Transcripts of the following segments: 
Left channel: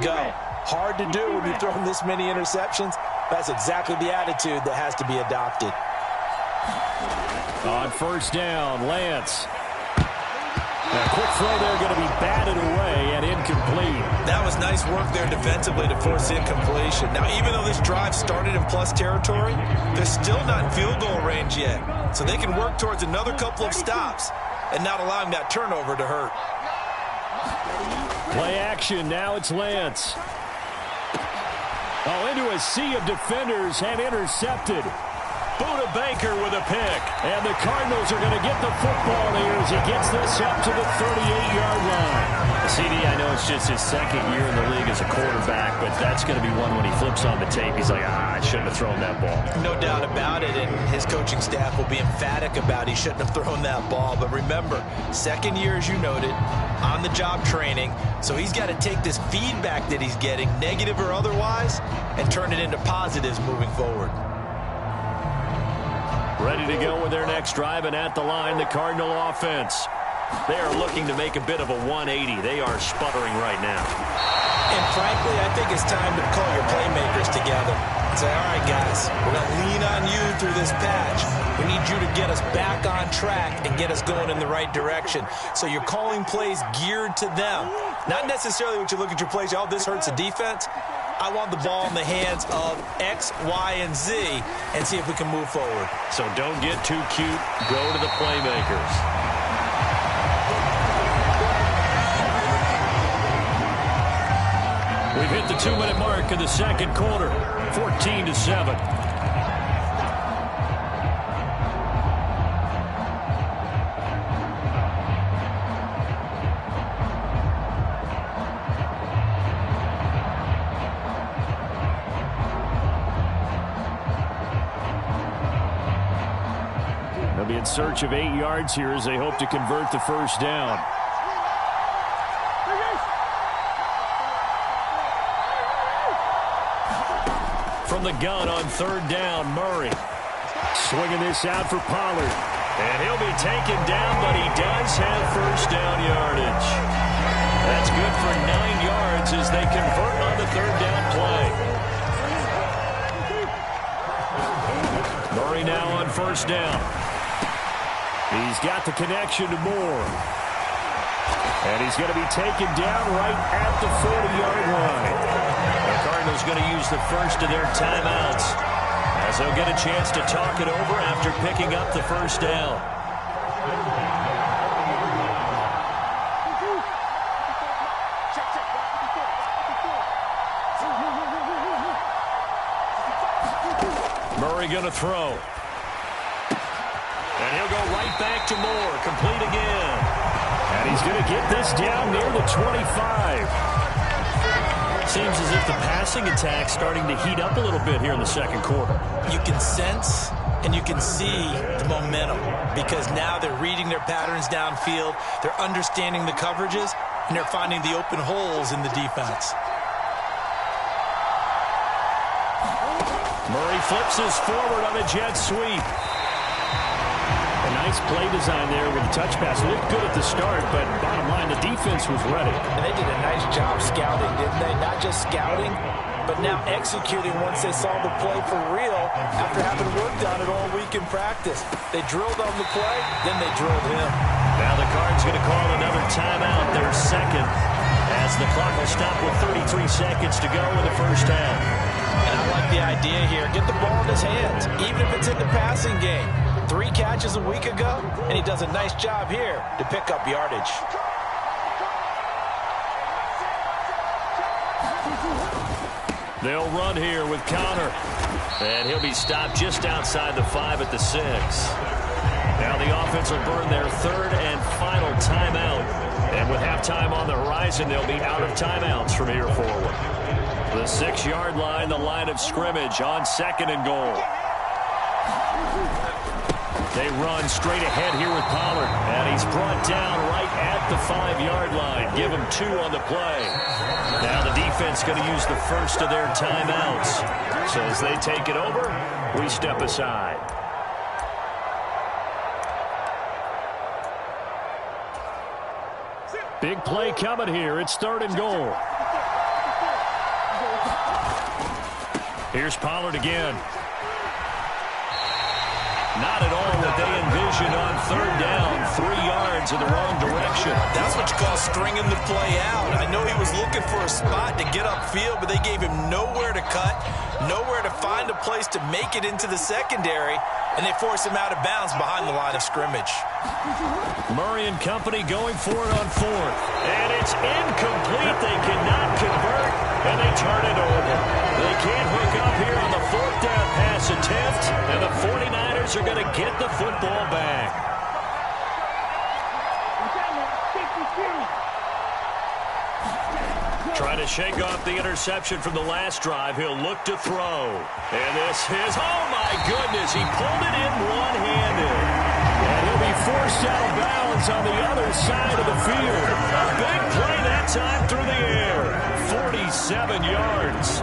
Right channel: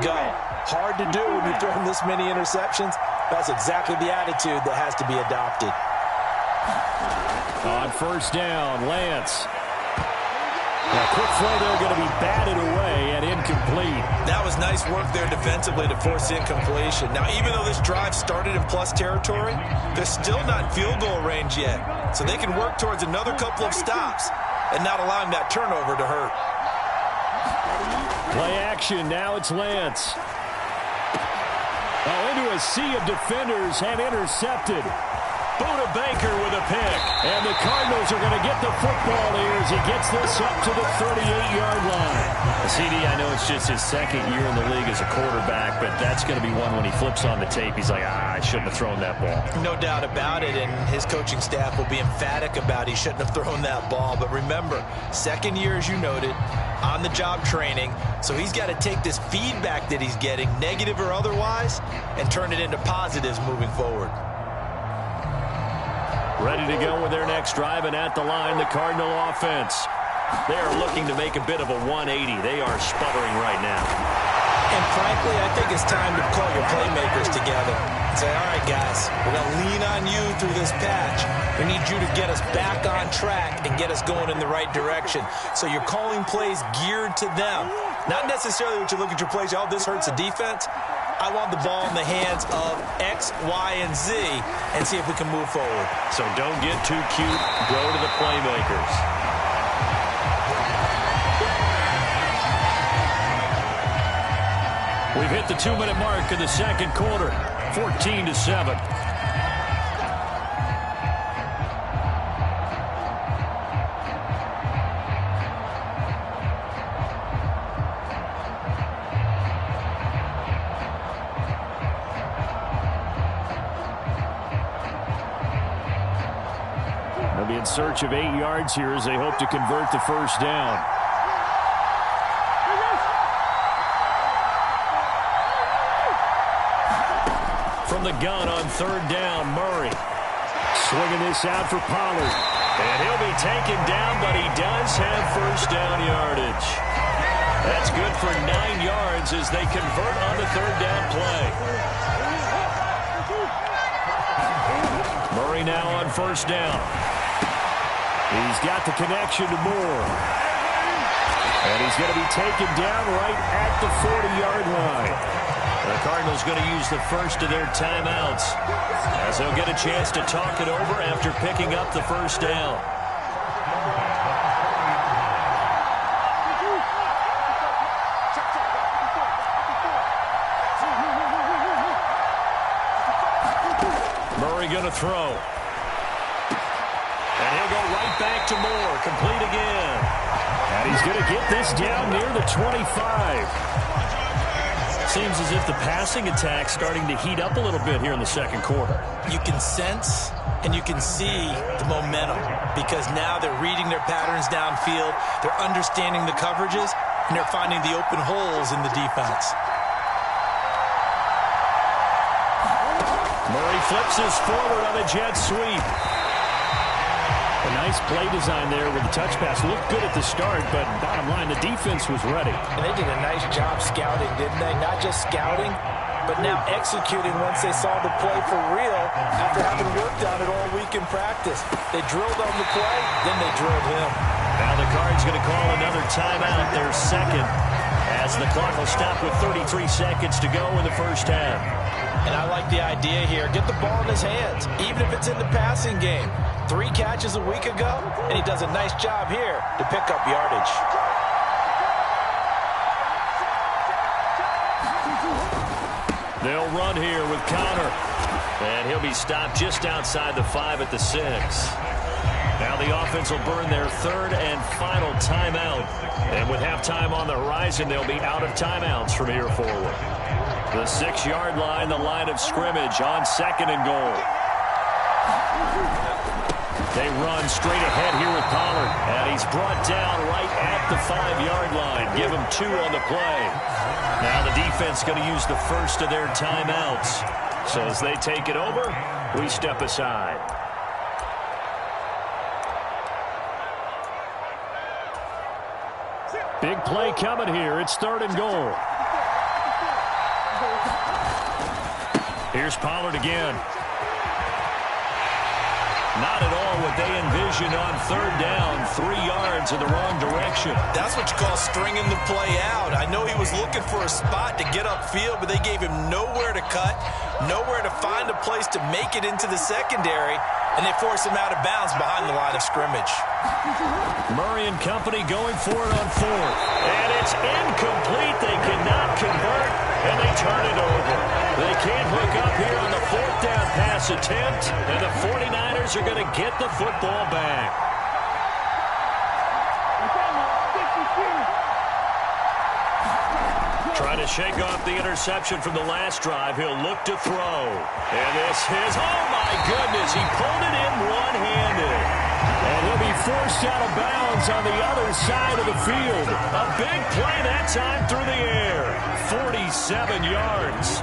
go. Hard to do when you're throwing this many interceptions. That's exactly the attitude that has to be adopted. On first down, Lance. Now, a quick throw there going to be batted away and incomplete. That was nice work there defensively to force incompletion. Now, even though this drive started in plus territory, they're still not in field goal range yet. So they can work towards another couple of stops and not allowing that turnover to hurt. Play action. Now it's Lance. Oh, into a sea of defenders and intercepted. Buda Baker with a pick. And the Cardinals are going to get the football here as he gets this up to the 38-yard line. CD, I know it's just his second year in the league as a quarterback, but that's going to be one when he flips on the tape. He's like, I shouldn't have thrown that ball. No doubt about it, and his coaching staff will be emphatic about he shouldn't have thrown that ball. But remember, second year, as you noted, on-the-job training, so he's got to take this feedback that he's getting, negative or otherwise, and turn it into positives moving forward. Ready to go with their next drive, and at the line, the Cardinal offense. They are looking to make a bit of a 180. They are sputtering right now. And frankly, I think it's time to call your playmakers together and say, all right, guys, we're going to lean on you through this patch. We need you to get us back on track and get us going in the right direction. So you're calling plays geared to them. Not necessarily what you look at your plays, oh, this hurts the defense. I want the ball in the hands of X, Y, and Z and see if we can move forward. So don't get too cute. Go to the playmakers. We've hit the 2-minute mark in the second quarter. 14-7. They'll be in search of 8 yards here as they hope to convert the first down. From the gun on third down, Murray. Swinging this out for Pollard. And he'll be taken down, but he does have first down yardage. That's good for 9 yards as they convert on the third down play. Murray now on first down. He's got the connection to Moore. And he's going to be taken down right at the 40-yard line. The Cardinals going to use the first of their timeouts as they'll get a chance to talk it over after picking up the first down. Murray going to throw. And he'll go right back to Moore. Complete again. And he's going to get this down near the 25. Seems as if the passing attack's starting to heat up a little bit here in the second quarter. You can sense and you can see the momentum because now they're reading their patterns downfield, they're understanding the coverages, and they're finding the open holes in the defense. Murray flips his forward on a jet sweep. A nice play design there with the touch pass. Looked good at the start, but bottom line, the defense was ready. And they did a nice job scouting, didn't they? Not just scouting, but now executing once they saw the play for real after having worked on it all week in practice. They drilled on the play, then they drilled him. Now the Cards going to call another timeout, their second, as the clock will stop with 33 seconds to go in the first half. And I like the idea here. Get the ball in his hands, even if it's in the passing game. 3 catches a week ago, and he does a nice job here to pick up yardage. They'll run here with Connor. And he'll be stopped just outside the 5 at the 6. Now the offense will burn their third and final timeout. And with halftime on the horizon, they'll be out of timeouts from here forward. The 6-yard line, the line of scrimmage on second and goal. They run straight ahead here with Pollard. And he's brought down right at the 5-yard line. Give him 2 on the play. Now the defense going to use the first of their timeouts. So as they take it over, we step aside. Big play coming here. It's third and goal. Here's Pollard again. Not at all what they envisioned on third down. 3 yards in the wrong direction. That's what you call stringing the play out. I know he was looking for a spot to get upfield, but they gave him nowhere to cut, nowhere to find a place to make it into the secondary, and they forced him out of bounds behind the line of scrimmage. Murray and company going for it on fourth. And it's incomplete. They cannot convert, and they turn it over. They can't hook up here on the fourth down pass attempt, and the 49ers are going to get the football back. Trying to shake off the interception from the last drive. He'll look to throw. And this is, oh my goodness, he pulled it in one-handed. And he'll be forced out of bounds on the other side of the field. A big play that time through the air. 47 yards.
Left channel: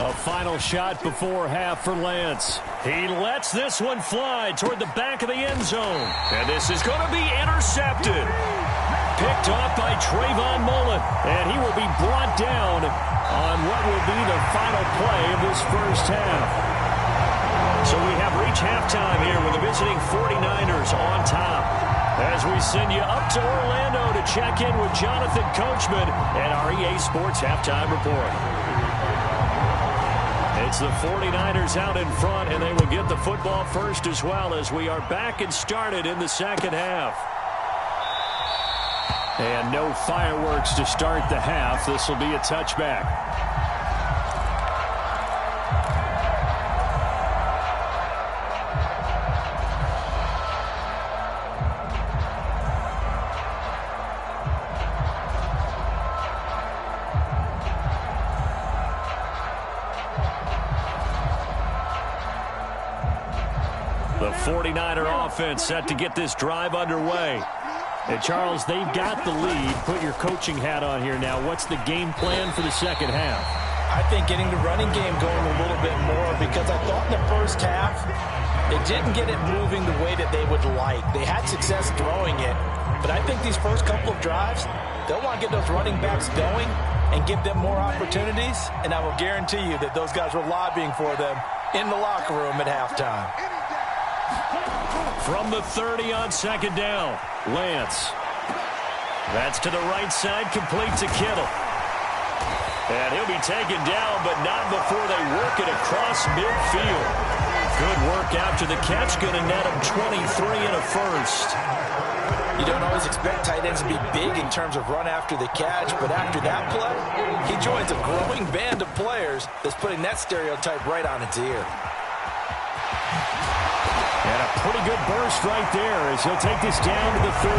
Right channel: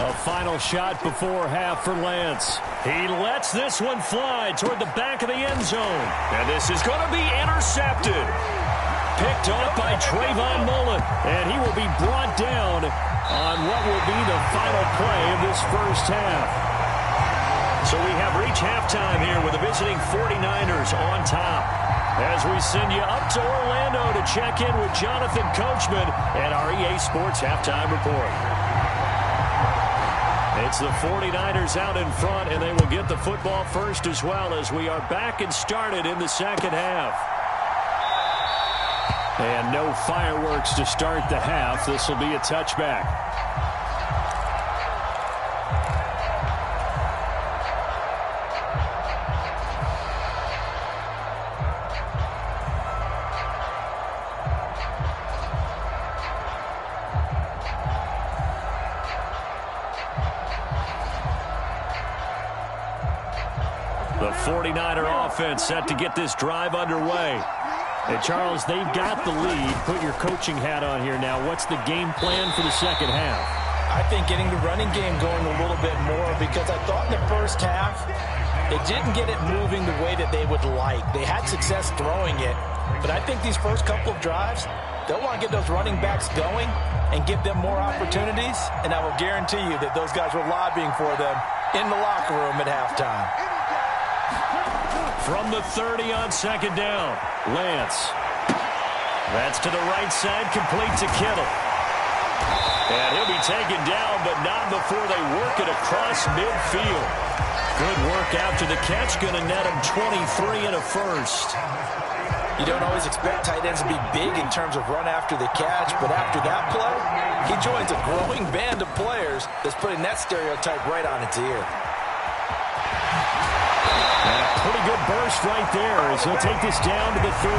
A final shot before half for Lance. He lets this one fly toward the back of the end zone. And this is going to be intercepted. Picked off by Trayvon Mullen. And he will be brought down on what will be the final play of this first half. So we have reached halftime here with the visiting 49ers on top. As we send you up to Orlando to check in with Jonathan Coachman and our EA Sports Halftime Report. It's the 49ers out in front, and they will get the football first as well as we are back and started in the second half. And no fireworks to start the half. This will be a touchback. The 49er offense set to get this drive underway. And Charles, they've got the lead. Put your coaching hat on here now. What's the game plan for the second half? I think getting the running game going a little bit more, because I thought in the first half they didn't get it moving the way that they would like. They had success throwing it, but I think these first couple of drives, they'll want to get those running backs going and give them more opportunities, and I will guarantee you that those guys were lobbying for them in the locker room at halftime. From the 30 on second down, Lance. That's to the right side, complete to Kittle. And he'll be taken down, but not before they work it across midfield. Good work after the catch, going to net him 23 and a first. You don't always expect tight ends to be big in terms of run after the catch, but after that play, he joins a growing band of players that's putting that stereotype right on its ear. And a pretty good burst right there as he'll take this down to the 33.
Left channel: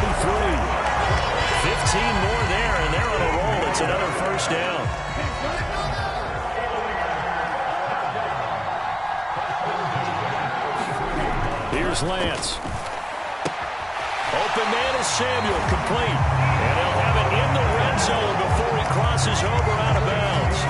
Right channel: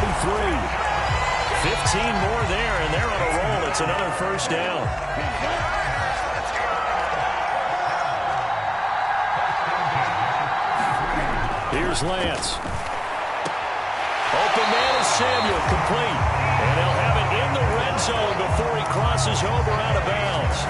15 more there, and they're on a roll. It's another first down. Here's Lance. Open man is Samuel, complete. And they'll have it in the red zone before he crosses over out of bounds.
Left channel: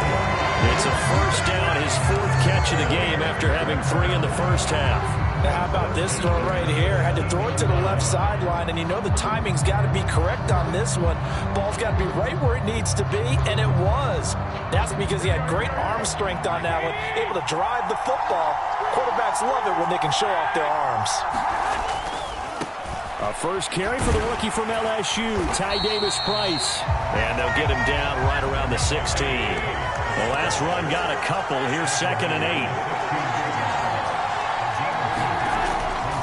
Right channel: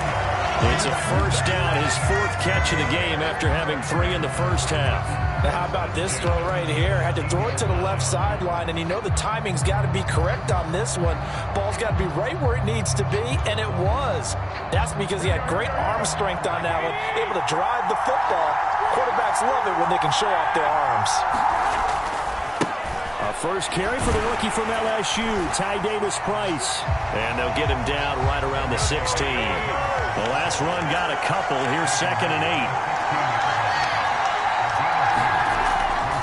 It's a first down, his fourth catch of the game after having 3 in the first half. Now, how about this throw right here? Had to throw it to the left sideline, and you know the timing's got to be correct on this one. Ball's got to be right where it needs to be, and it was. That's because he had great arm strength on that one, able to drive the football. Quarterbacks love it when they can show off their arms. A first carry for the rookie from LSU, Ty Davis-Price. And they'll get him down right around the 16. The last run got a couple. Here's 2nd and 8.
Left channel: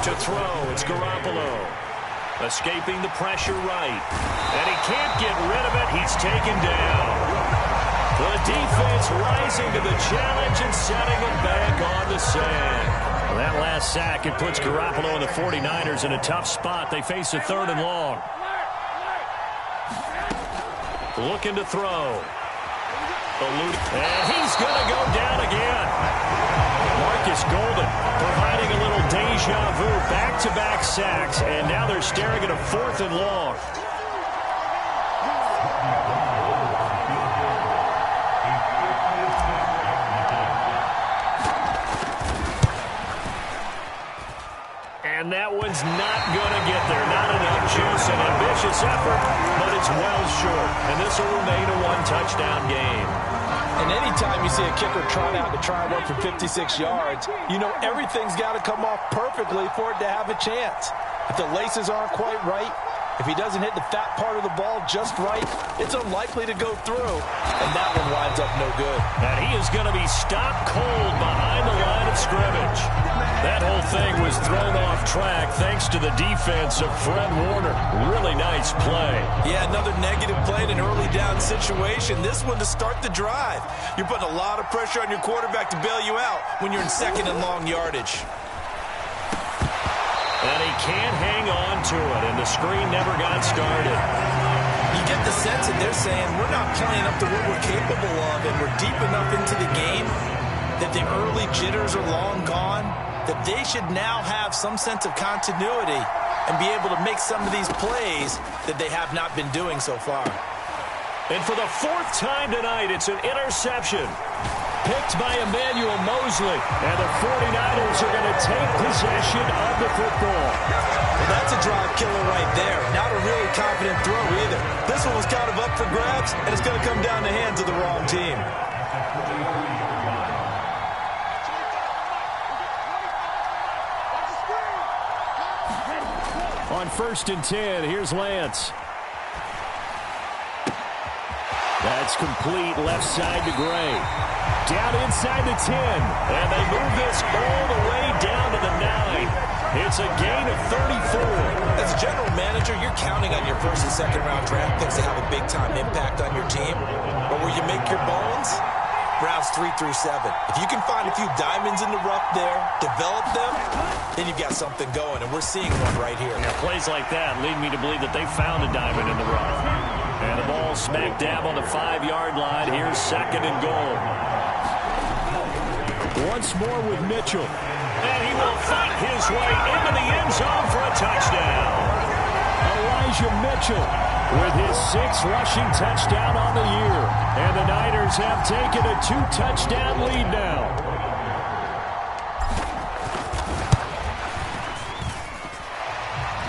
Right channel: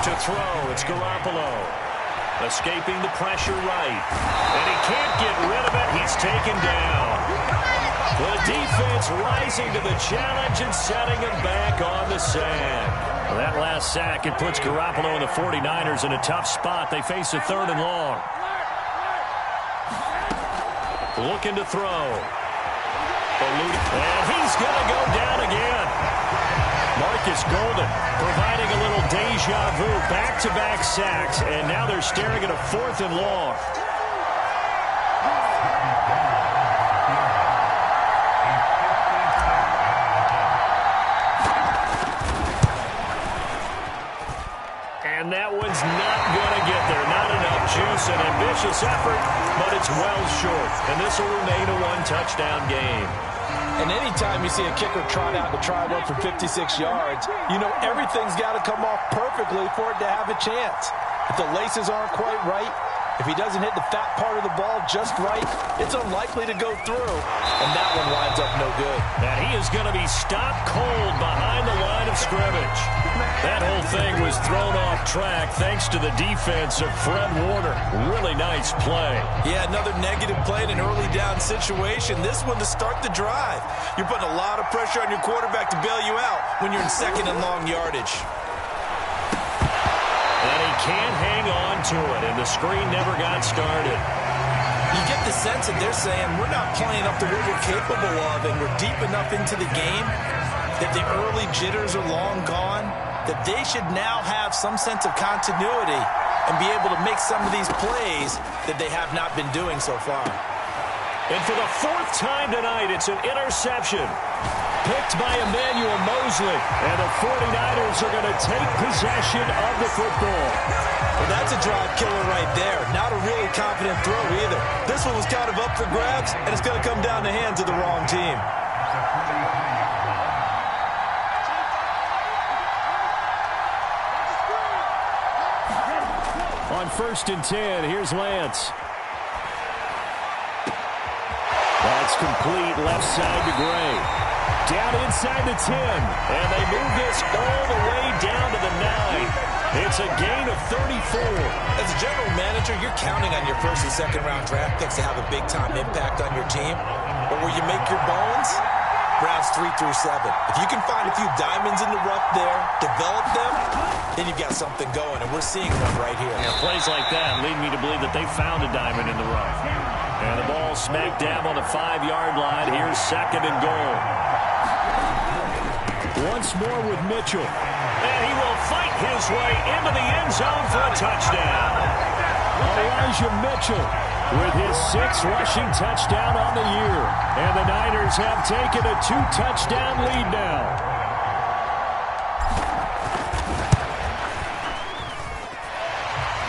To throw, it's Garoppolo. Escaping the pressure right. And he can't get rid of it. He's taken down. The defense rising to the challenge and setting him back on the sack. Well, that last sack, it puts Garoppolo and the 49ers in a tough spot. They face a 3rd and long. Looking to throw. And he's going to go down again. Marcus Golden providing a little deja vu, back-to-back sacks, and now they're staring at a 4th and long. And that one's not going to get there. Not enough juice, an ambitious effort, but it's well short. And this will remain a one-touchdown game. And anytime you see a kicker trot out to try one from 56 yards, you know everything's got to come off perfectly for it to have a chance. If the laces aren't quite right, if he doesn't hit the fat part of the ball just right, it's unlikely to go through. And that one winds up no good. And he is going to be stopped cold behind the line of scrimmage. That whole thing was thrown off track thanks to the defense of Fred Warner. Really nice play. Yeah, another negative play in an early down situation. This one to start the drive. You're putting a lot of pressure on your quarterback to bail you out when you're in second and long yardage. And he can't hang on to it, and the screen never got started. You get the sense that they're saying we're not playing up to what we're capable of, and we're deep enough into the game that the early jitters are long gone, that they should now have some sense of continuity and be able to make some of these plays that they have not been doing so far. And for the fourth time tonight, it's an interception. Picked by Emmanuel Mosley. And the 49ers are going to take possession of the football. Well, that's a drive killer right there. Not a really confident throw either. This one was kind of up for grabs, and it's going to come down the hands of the wrong team. On 1st and 10, here's Lance. That's complete left side to Gray. Down inside the 10, and they move this all the way down to the 9. It's a gain of 34. As a general manager, you're counting on your first and second round draft picks to have a big-time impact on your team. But where you make your bones, rounds 3 through 7. If you can find a few diamonds in the rough there, develop them, then you've got something going, and we're seeing one right here. Yeah, plays like that lead me to believe that they found a diamond in the rough. And the ball smack dab on the 5-yard line. Here's 2nd and goal. Once more with Mitchell. And he will fight his way into the end zone for a touchdown. Elijah Mitchell with his 6th rushing touchdown on the year. And the Niners have taken a 2-touchdown lead now.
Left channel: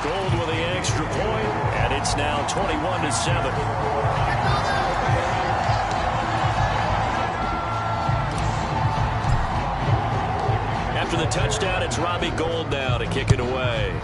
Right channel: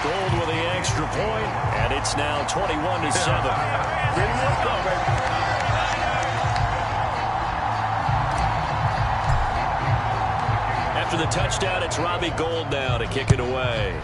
Gold with the extra point, and it's now 21-7. After the touchdown, it's Robbie Gould now to kick it away.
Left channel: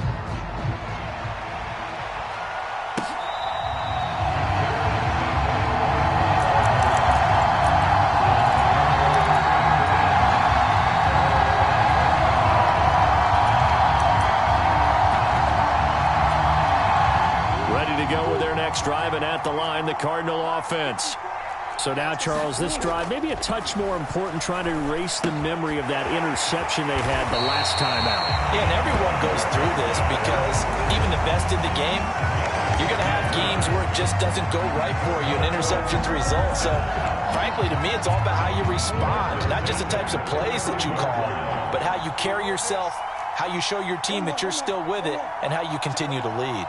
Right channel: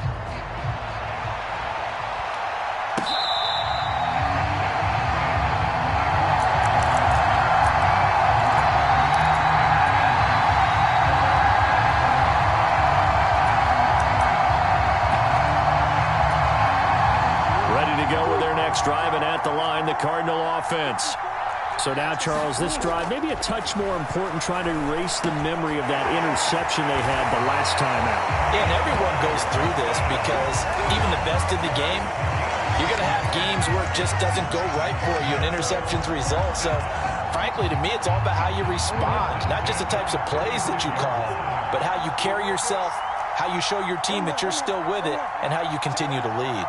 Ready to go with their next drive, and at the line, the Cardinal offense. So now, Charles, this drive maybe a touch more important, trying to erase the memory of that interception they had the last time out. Yeah, and everyone goes through this because even the best in the game, you're going to have games where it just doesn't go right for you, and interceptions result. So, frankly, to me, it's all about how you respond, not just the types of plays that you call, but how you carry yourself, how you show your team that you're still with it, and how you continue to lead.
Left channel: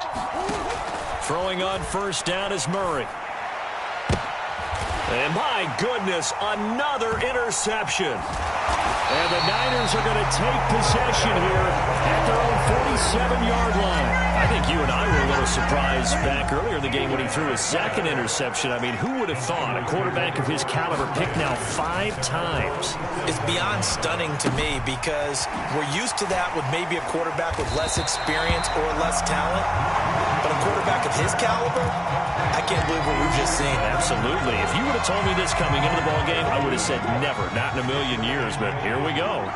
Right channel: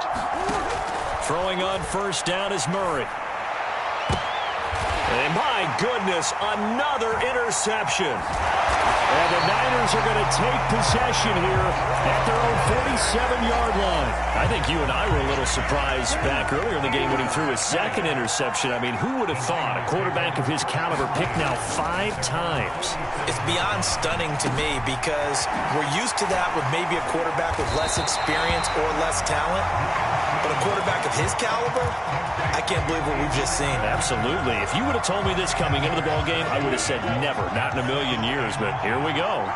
Throwing on 1st down is Murray. And my goodness, another interception. And the Niners are going to take possession here at their own 47-yard line. I think you and I were a little surprised back earlier in the game when he threw his 2nd interception. I mean, who would have thought a quarterback of his caliber picked now 5 times? It's beyond stunning to me because we're used to that with maybe a quarterback with less experience or less talent. But a quarterback of his caliber, I can't believe what we've just seen. Absolutely. If you would have told me this coming into the ballgame, I would have said never, not in a million years, but here we go.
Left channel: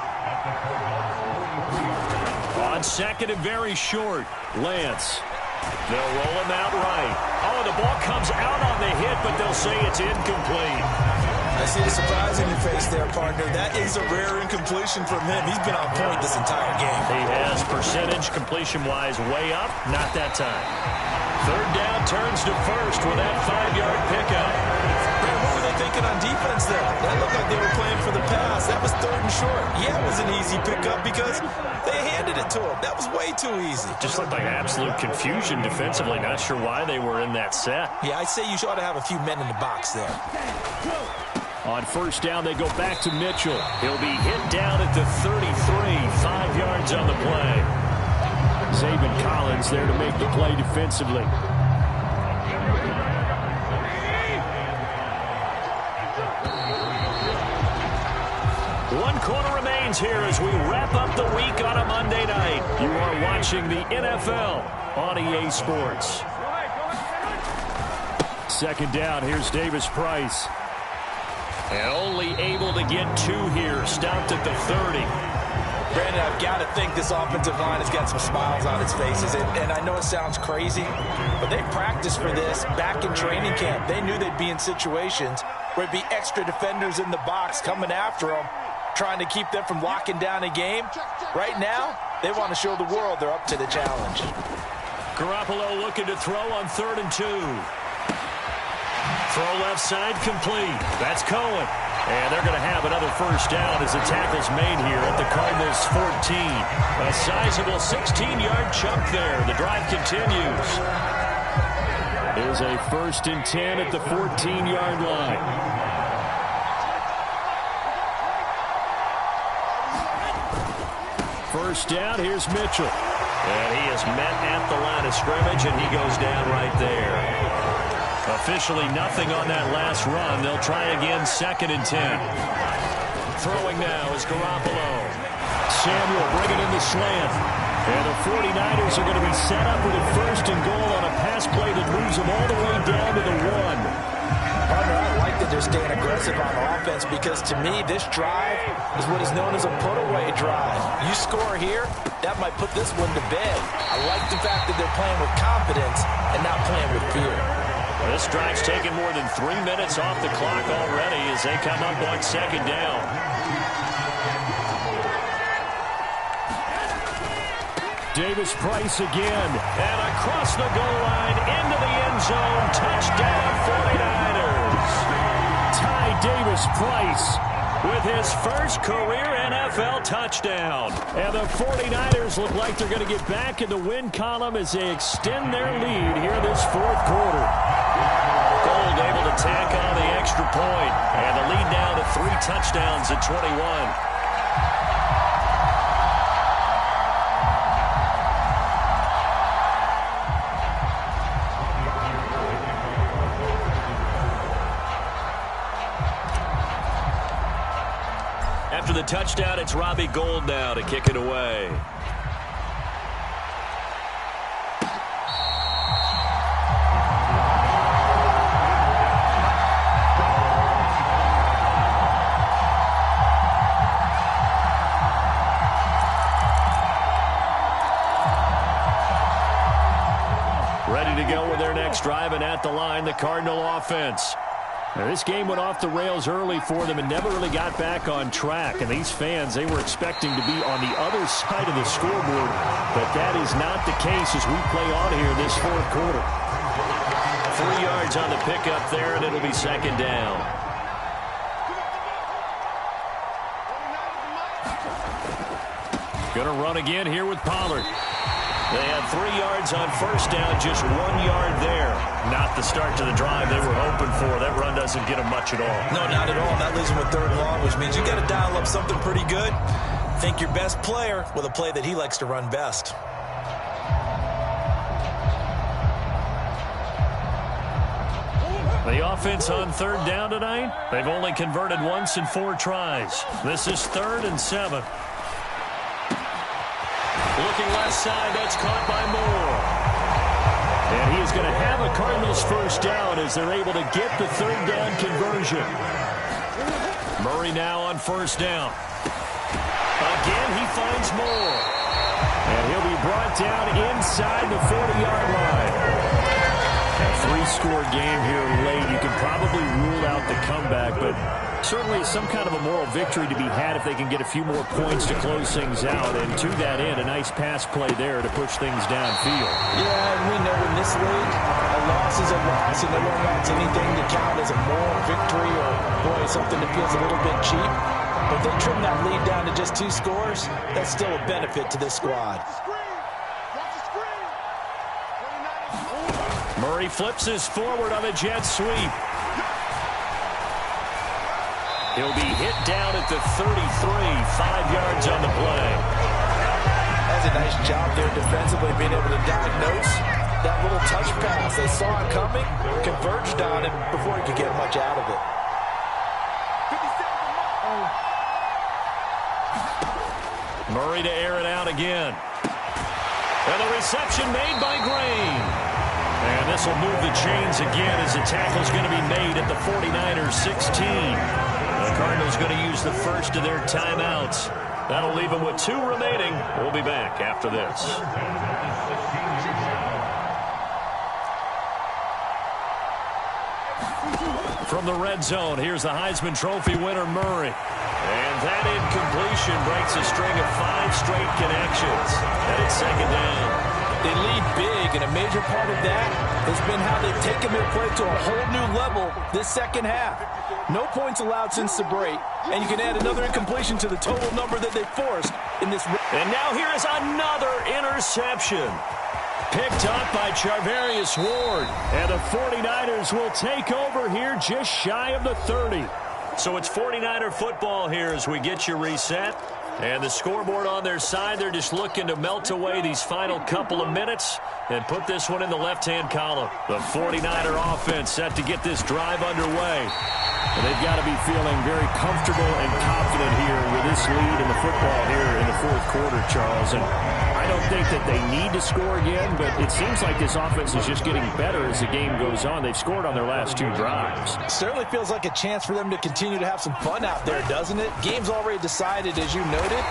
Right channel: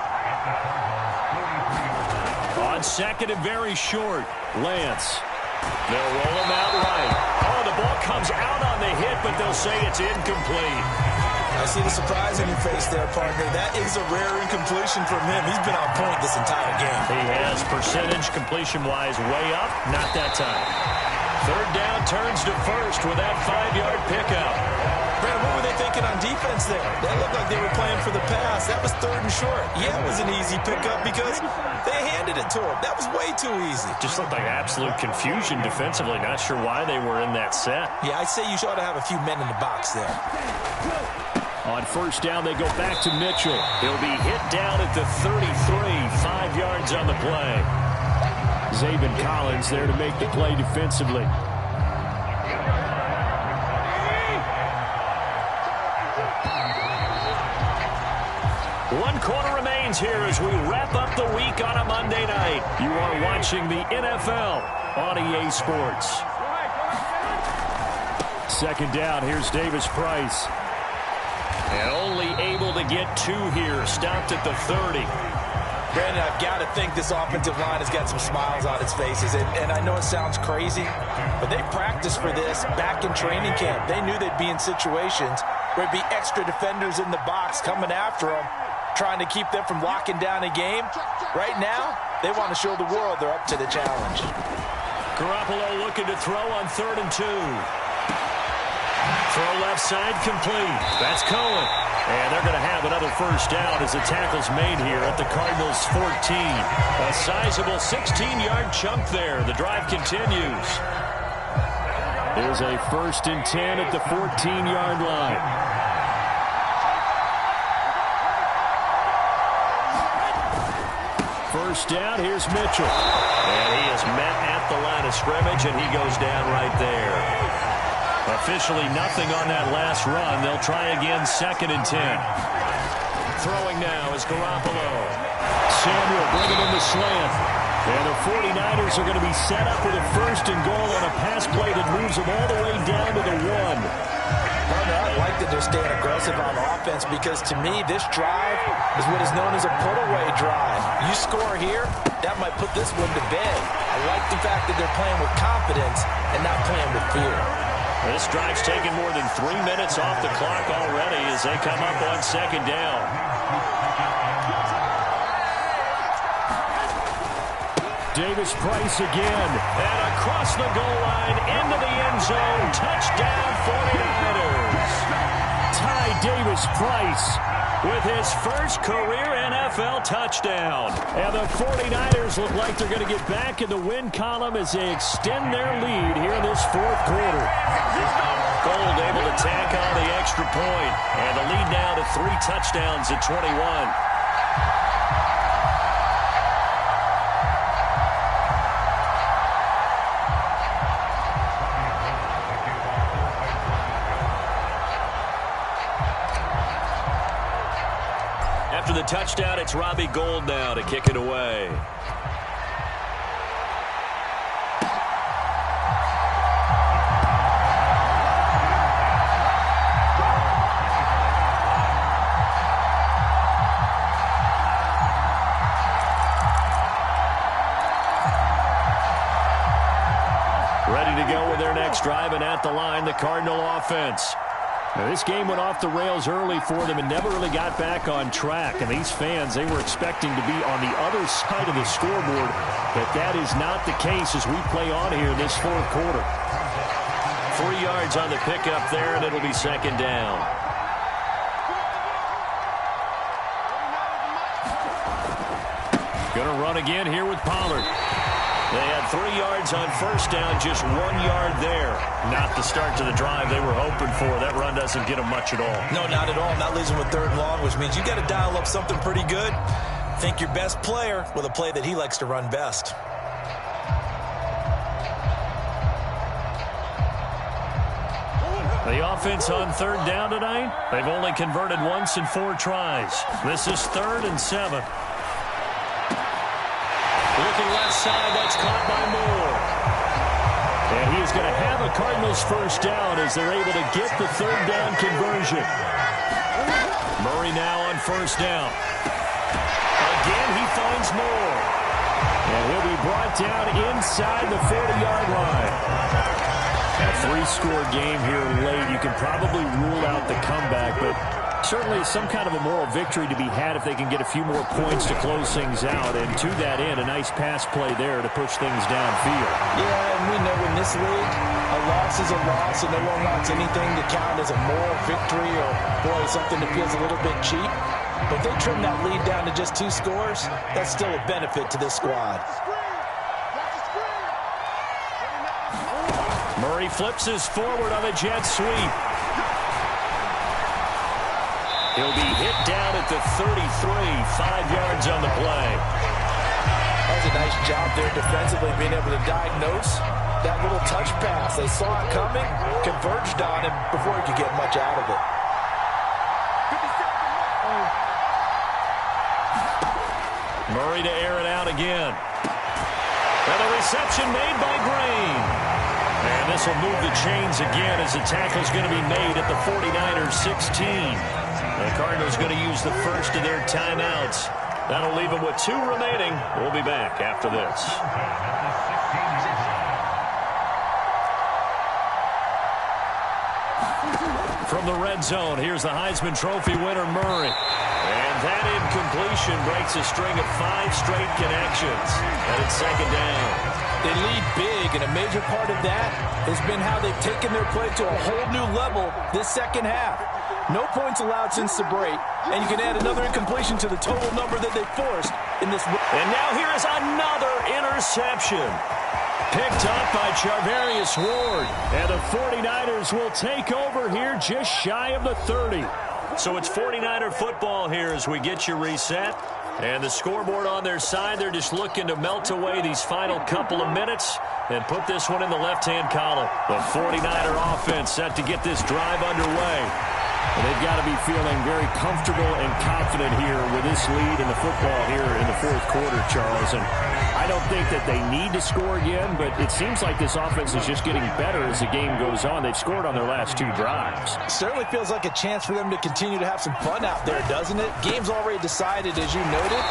On 2nd and very short, Lance. They'll roll him out right. Oh, the ball comes out on the hit, but they'll say it's incomplete. I see the surprise in your face there, partner. That is a rare incompletion from him. He's been on point this entire game. He has percentage completion-wise way up. Not that time. 3rd down turns to 1st with that 5-yard pickup. Brandon, what were they thinking on defense there? That looked like they were playing for the pass. That was 3rd and short. Yeah, it was an easy pickup because they handed it to him. That was way too easy. Just looked like absolute confusion defensively. Not sure why they were in that set. Yeah, I'd say you ought to have a few men in the box there. On 1st down, they go back to Mitchell. He'll be hit down at the 33, 5 yards on the play. Zaven Collins there to make the play defensively. One quarter remains here as we wrap up the week on a Monday night. You are watching the NFL on EA Sports. Second down, here's Davis Price. And only able to get 2 here, stopped at the 30. Brandon, I've got to think this offensive line has got some smiles on its faces. And I know it sounds crazy, but they practiced for this back in training camp. They knew they'd be in situations where it'd be extra defenders in the box coming after them, trying to keep them from locking down a game. Right now, they want to show the world they're up to the challenge. Garoppolo looking to throw on 3rd and 2. Throw left side complete. That's Cohen. And they're going to have another first down as the tackle's made here at the Cardinals' 14. A sizable 16-yard chunk there. The drive continues. Here's a 1st and 10 at the 14-yard line. First down, here's Mitchell. And he is met at the line of scrimmage, and he goes down right there. Officially nothing on that last run. They'll try again, 2nd and 10. Throwing now is Garoppolo. Samuel bringing in the slant. And the 49ers are going to be set up with a 1st and goal on a pass play that moves them all the way down to the 1. Partner, I like that they're staying aggressive on offense because, to me, this drive is what is known as a put-away drive. You score here, that might put this one to bed. I like the fact that they're playing with confidence and not playing with fear. This drive's taken more than 3 minutes off the clock already as they come up on 2nd down. Davis Price again. And across the goal line into the end zone. Touchdown 49ers. Ty Davis Price with his first career NFL touchdown. And the 49ers look like they're going to get back in the win column as they extend their lead here in this 4th quarter. Gold able to tack on the extra point. And the lead now to 3 touchdowns at 21. After the touchdown, it's Robbie Gould now to kick it away. Ready to go with their next drive, and at the line, the Cardinal offense. Now, this game went off the rails early for them and never really got back on track. And these fans, they were expecting to be on the other side of the scoreboard. But that is not the case as we play on here this 4th quarter. 3 yards on the pickup there, and it'll be 2nd down. Going to run again here with Pollard. They had 3 yards on first down, just 1 yard there. Not the start to the drive they were hoping for. That run doesn't get them much at all. No, not at all. That leaves them with 3rd and long, which means you got to dial up something pretty good. Think your best player with a play that he likes to run best. The offense on 3rd down tonight, they've only converted once in 4 tries. This is 3rd and 7. Looking left side, that's caught by Moore. And he is going to have a Cardinals first down as they're able to get the 3rd down conversion. Murray now on 1st down. Again, he finds Moore. And he'll be brought down inside the 40-yard line. A 3-score game here late. You can probably rule out the comeback, but certainly some kind of a moral victory to be had if they can get a few more points to close things out. And to that end, a nice pass play there to push things downfield. Yeah, and we know in this league, a loss is a loss, and no one wants anything to count as a moral victory or, boy, something that feels a little bit cheap. But if they trim that lead down to just 2 scores, that's still a benefit to this squad. Murray flips his forward on a jet sweep. He'll be hit down at the 33, 5 yards on the play. guys a nice job there defensively, being able to diagnose that little touch pass. They saw it coming, converged on him before he could get much out of it. Murray to air it out again. And the reception made by Green. And this will move the chains again as the tackle is going to be made at the 49ers 16. The Cardinals going to use the first of their timeouts. That'll leave them with 2 remaining. We'll be back after this. From the red zone, here's the Heisman Trophy winner, Murray. And that incompletion breaks a string of 5 straight connections. And it's second down. They lead big, and a major part of that has been how they've taken their play to a whole new level this second half. No points allowed since the break, and you can add another incompletion to the total number that they forced in this. And now here is another interception. Picked up by Charvarius Ward. And the 49ers will take over here just shy of the 30. So it's 49er football here as we get you reset. And the scoreboard on their side, they're just looking to melt away these final couple of minutes and put this one in the left-hand column. The 49er offense set to get this drive underway. And they've got to be feeling very comfortable and confident here with this lead in the football here in the fourth quarter, Charles. And I don't think that they need to score again, but it seems like this offense is just getting better as the game goes on. They've scored on their last 2 drives. Certainly feels like a chance for them to continue to have some fun out there, doesn't it? Game's already decided, as you noted,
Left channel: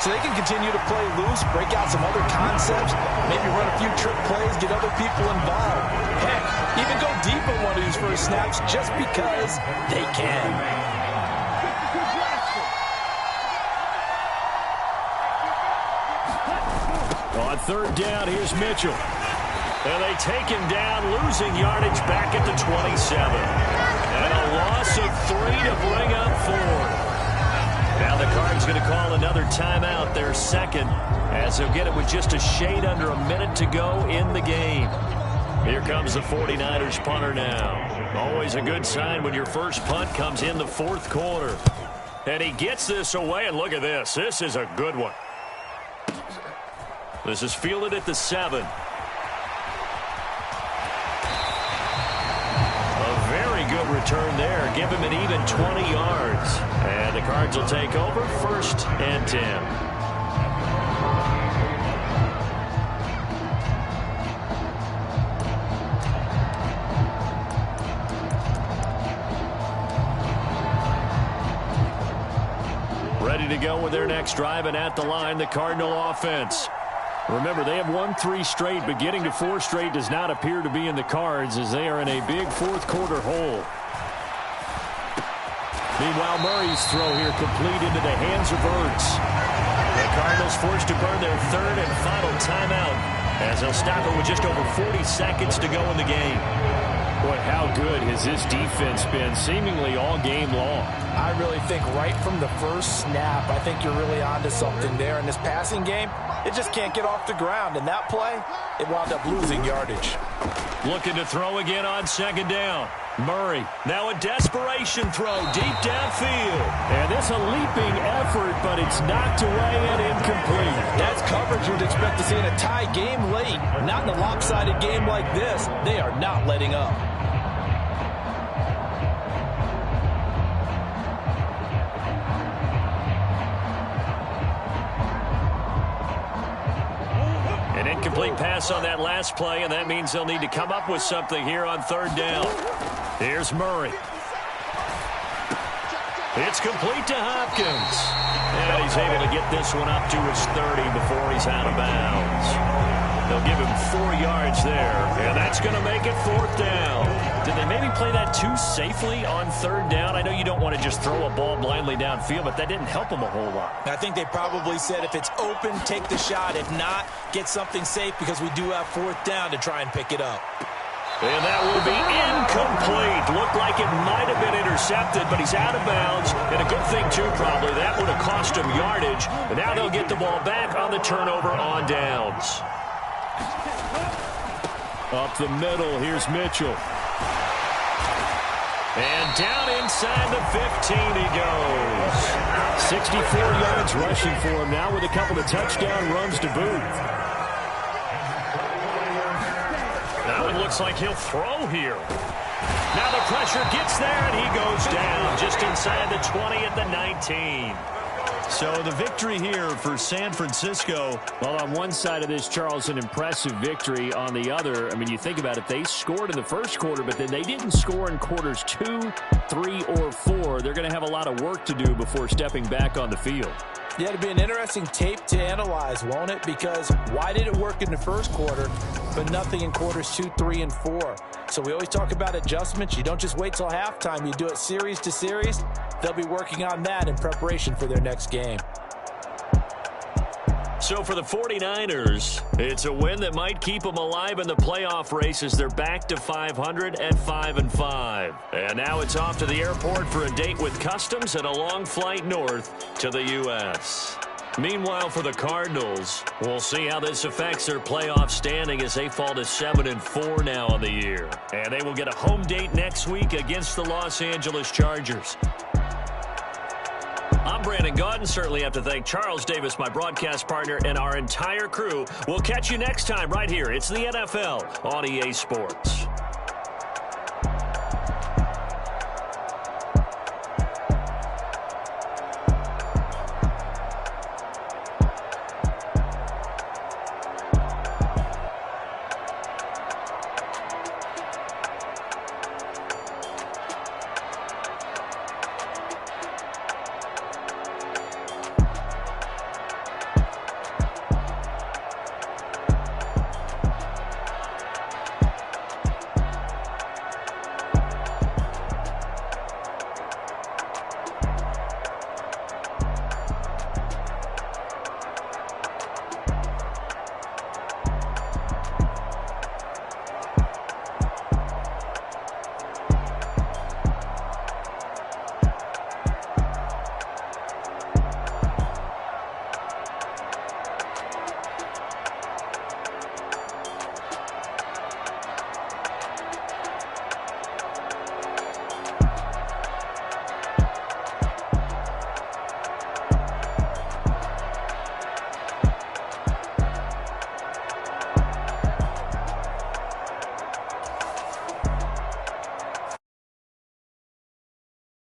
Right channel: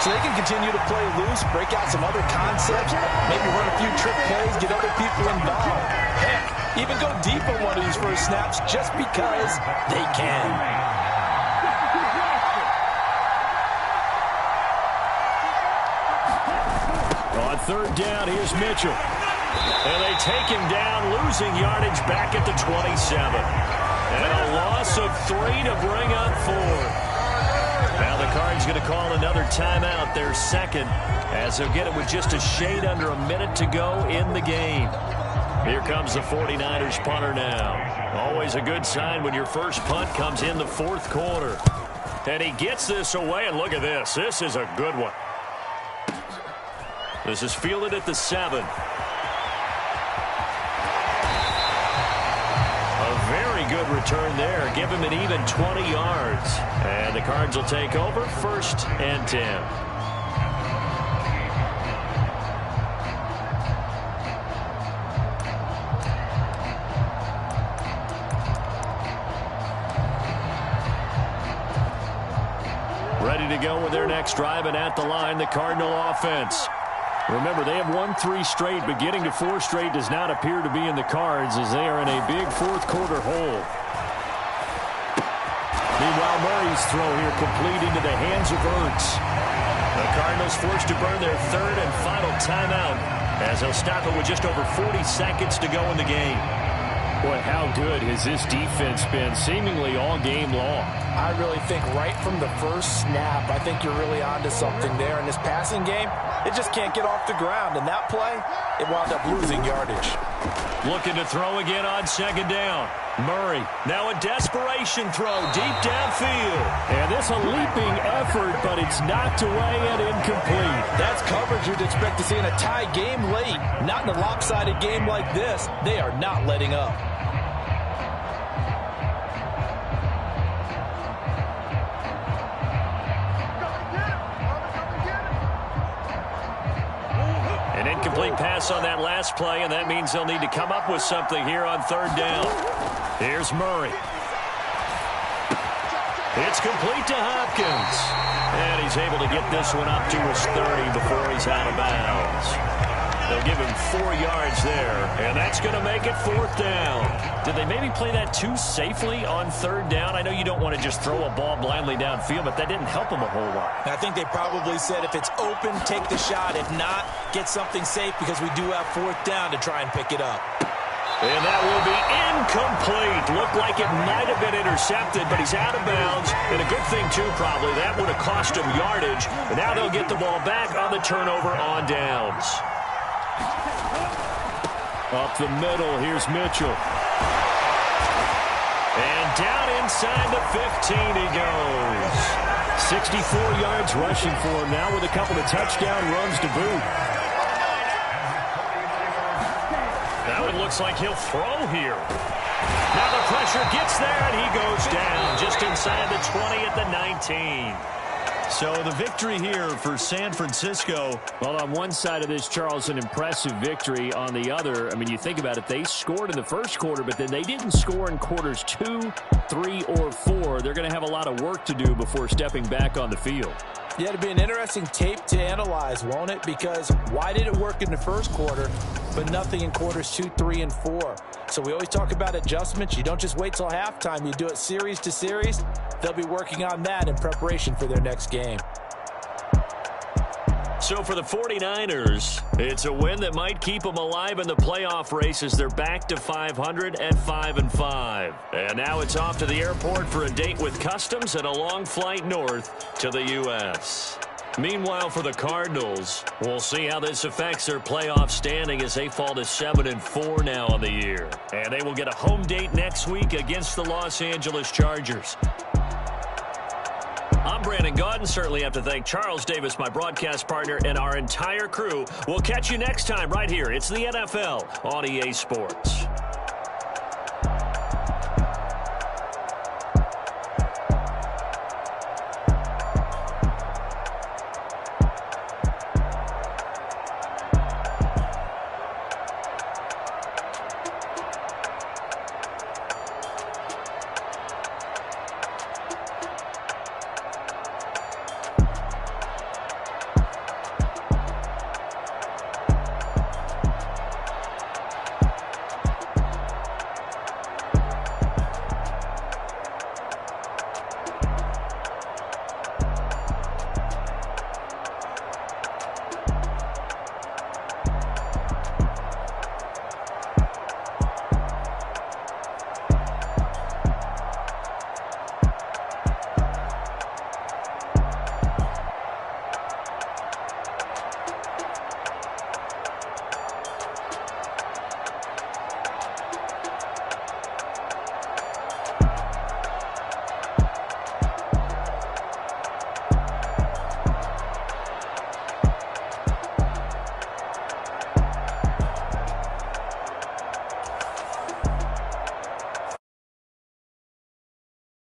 so they can continue to play loose, break out some other concepts, maybe run a few trick plays, get other people involved. Heck, even go deep on one of these first snaps just because they can. On third down, here's Mitchell. And they take him down, losing yardage back at the 27. And a loss of 3 to bring up 4. Now the Cards going to call another timeout, their second, as they'll get it with just a shade under a minute to go in the game. Here comes the 49ers punter now. Always a good sign when your first punt comes in the fourth quarter. And he gets this away, and look at this. This is a good one. This is fielded at the 7. A very good return there. Give him an even 20 yards. And the Cards will take over, 1st and 10. Ready to go with their next drive, and at the line, the Cardinal offense. Remember, they have won 3 straight, but getting to 4 straight does not appear to be in the cards as they are in a big fourth quarter hole. Meanwhile, Murray's throw here complete into the hands of Ertz. The Cardinals forced to burn their 3rd and final timeout as they'll stop it with just over 40 seconds to go in the game. Boy, how good has this defense been seemingly all game long? I really think right from the first snap, I think you're really onto something there. In this passing game, it just can't get off the ground. And that play, it wound up losing yardage. Looking to throw again on second down. Murray, now a desperation throw deep downfield. And this a leaping effort, but it's knocked away and incomplete. That's coverage you'd expect to see in a tie game late. Not in a lopsided game like this. They are not letting up. An incomplete pass on that last play, and that means they'll need to come up with something here on third down. Here's Murray. It's complete to Hopkins. And he's able to get this one up to his 30 before he's out of bounds. They'll give him 4 yards there, and that's going to make it 4th down. Did they maybe play that too safely on 3rd down? I know you don't want to just throw a ball blindly downfield, but that didn't help them a whole lot. I think they probably said if it's open, take the shot. If not, get something safe because we do have 4th down to try and pick it up. And that will be incomplete. Looked like it might have been intercepted, but he's out of bounds. And a good thing, too, probably. That would have cost him yardage. And now they'll get the ball back on the turnover on downs. Up the middle, here's Mitchell. And down inside the 15 he goes. 64 yards rushing for him now with a couple of touchdown runs to boot. Now it looks like he'll throw here. Now the pressure gets there, and he goes down just inside the 20 at the 19. So the victory here for San Francisco. Well, on one side of this, Charles, an impressive victory. On the other, I mean, you think about it, they scored in the first quarter, but then they didn't score in quarters 2, 3, or 4. They're going to have a lot of work to do before stepping back on the field. Yeah, it'll be an interesting tape to analyze, won't it? Because why did it work in the first quarter, but nothing in quarters 2, 3, and 4? So we always talk about adjustments. You don't just wait till halftime. You do it series to series. They'll be working on that in preparation for their next game. So for the 49ers, it's a win that might keep them alive in the playoff race as they're back to 500 at 5-5. And now it's off to the airport for a date with customs and a long flight north to the U.S. Meanwhile, for the Cardinals, we'll see how this affects their playoff standing as they fall to 7-4 now on the year. And they will get a home date next week against the Los Angeles Chargers. I'm Brandon Gaudin. Certainly have to thank Charles Davis, my broadcast partner, and our entire crew. We'll catch you next time right here. It's the NFL on EA Sports.